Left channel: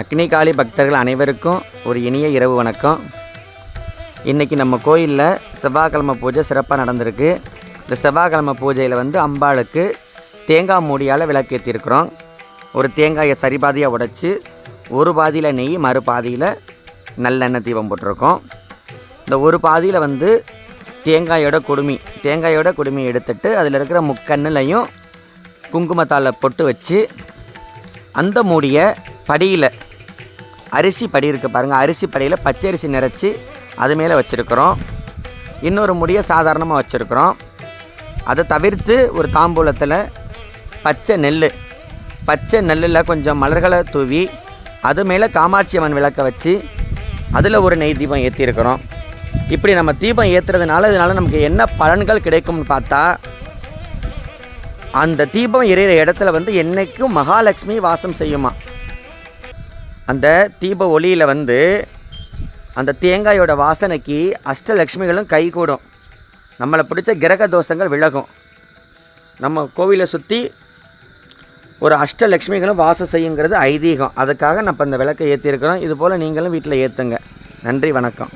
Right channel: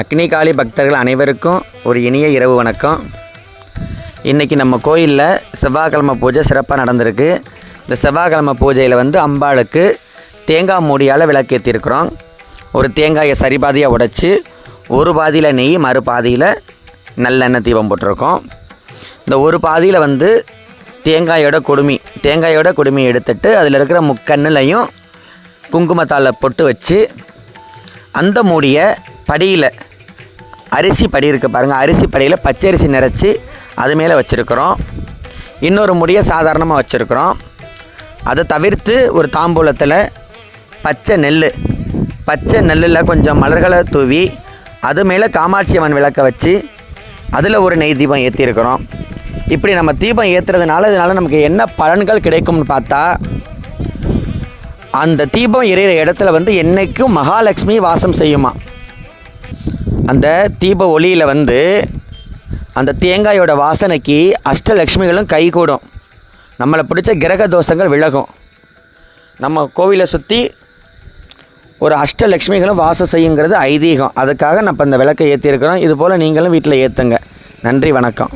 அக்னிகாளி பக்தர்கள் அனைவருக்கும் ஒரு இனிய இரவு வணக்கம். இன்றைக்கி நம்ம கோயிலில் செவ்வாய்க்கிழமை பூஜை சிறப்பாக நடந்திருக்கு. இந்த செவ்வாய்க்கிழமை பூஜையில் வந்து அம்பாளுக்கு தேங்காய் மூடியால் விளக்கேற்றிருக்கிறோம் ஒரு தேங்காயை சரி பாதியாக உடைச்சி ஒரு பாதியில் நெய் மறு பாதியில் நல்லெண்ணெய் தீபம் போட்டிருக்கோம். இந்த ஒரு பாதியில் வந்து தேங்காயோட கொடுமி தேங்காயோட கொடுமி எடுத்துட்டு அதில் இருக்கிற முக்கண்ணிலையும் குங்குமத்தால் பொட்டு வச்சு அந்த மூடியை படியில் அரிசி படி இருக்குது பாருங்கள் அரிசி படியில் பச்சரிசி நிறச்சி அது மேலே வச்சுருக்குறோம். இன்னொரு முடியை சாதாரணமாக வச்சுருக்குறோம். அதை தவிர்த்து ஒரு தாம்பூலத்தில் பச்சை நெல் பச்சை நெல்லில் கொஞ்சம் மலர்களை தூவி அது மேலே காமாட்சி அம்மன் விளக்க வச்சு அதில் ஒரு நெய் தீபம் ஏற்றிருக்கிறோம் இப்படி நம்ம தீபம் ஏற்றுறதுனால இதனால் நமக்கு என்ன பலன்கள் கிடைக்கும்னு பார்த்தா அந்த தீபம் எரியிற இடத்துல வந்து என்றைக்கும் மகாலட்சுமி வாசம் செய்யுமா? அந்த தீப ஒளியில் வந்து அந்த தேங்காயோட வாசனைக்கு அஷ்டலக்ஷ்மிகளும் கைகூடும் நம்மளை பிடிச்ச கிரக தோஷங்கள் விலகும். நம்ம கோவிலை சுற்றி ஒரு அஷ்டலக்ஷ்மிகளும் வாசம் செய்யுங்கிறது ஐதீகம். அதுக்காக நம்ம இந்த விளக்கை ஏற்றிருக்கிறோம் இதுபோல் நீங்களும் வீட்டில் ஏற்றுங்க நன்றி வணக்கம்.